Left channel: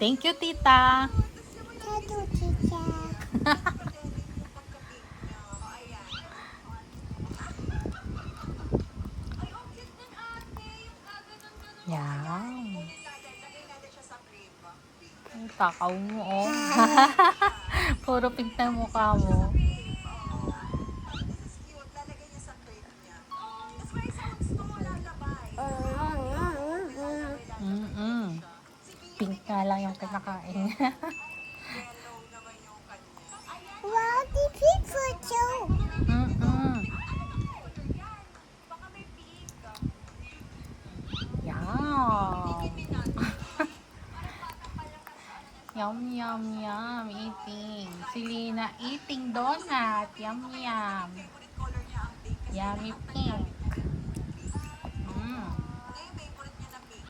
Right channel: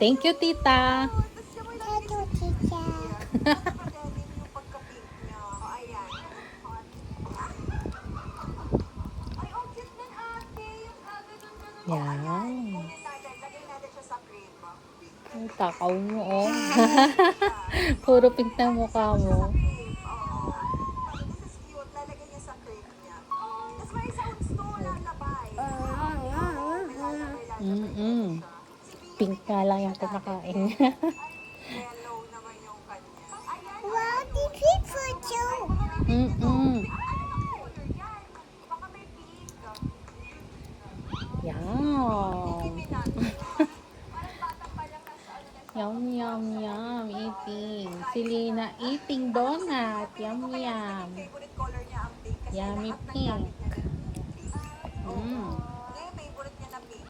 Thank you, tita. Thank you, tita. Yan. Ay, takaw mo, oh. Puro pink na mukha mo. Pink na lang yung pinakain. Wow, the picture too. Yum, yum, yum. Eating. Si Lina eating donut. Yum, yum. Yummy pink.